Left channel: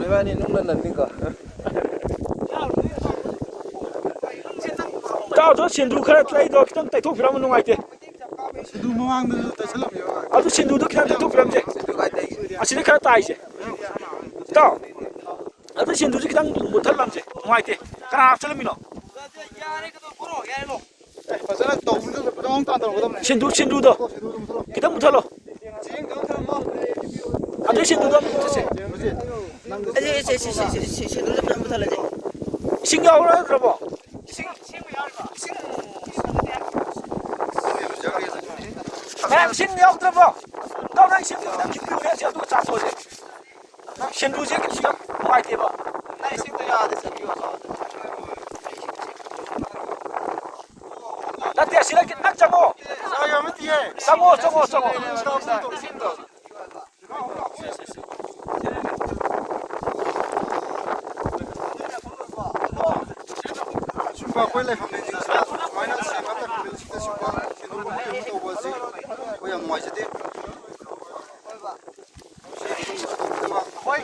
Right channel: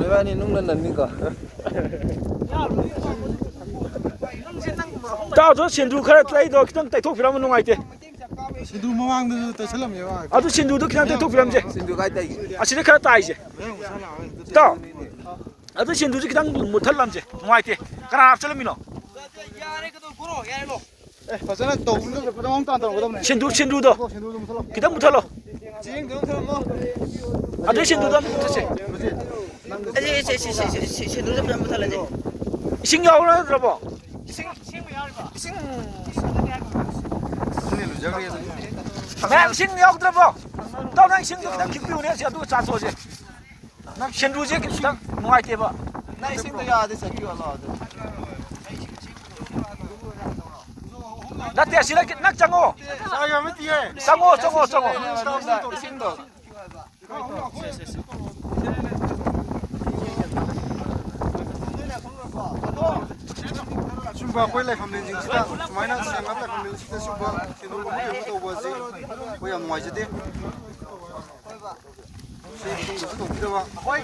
이만이 농는 납니까? 따도 신두 그래 따이도 그냥 따이도 필요하면 농아이대. 신두 모양도 대설람이야. 아도 신두도 그냥 따이도 필요하면 신두가 있다. 아, 진짜 그래 따이지. 따. 아도 신두도 그냥 못할 남지. 농아이대. 그냥 앞절미노. Pasal tu bulu berang tak tahu betul. 신두도 그냥 못할로. 아도 신두도 안 못했지. 신두도 그냥 못할래. 신경을 들어봐. 신경 들어봐. 너는 신경 그냥 깊이 오래 지어도 짜소지. 신두지 그냥 농아이대 봐. 나 대신에 낙장어. Saya mesti eh. 장어. Sumba koi le kami ni sta. Mana sangat tak kami sta sumba. Sindu lu mungkin betul buat sih. Koi yang muai sedih. Sindu lu mesti betul. Koi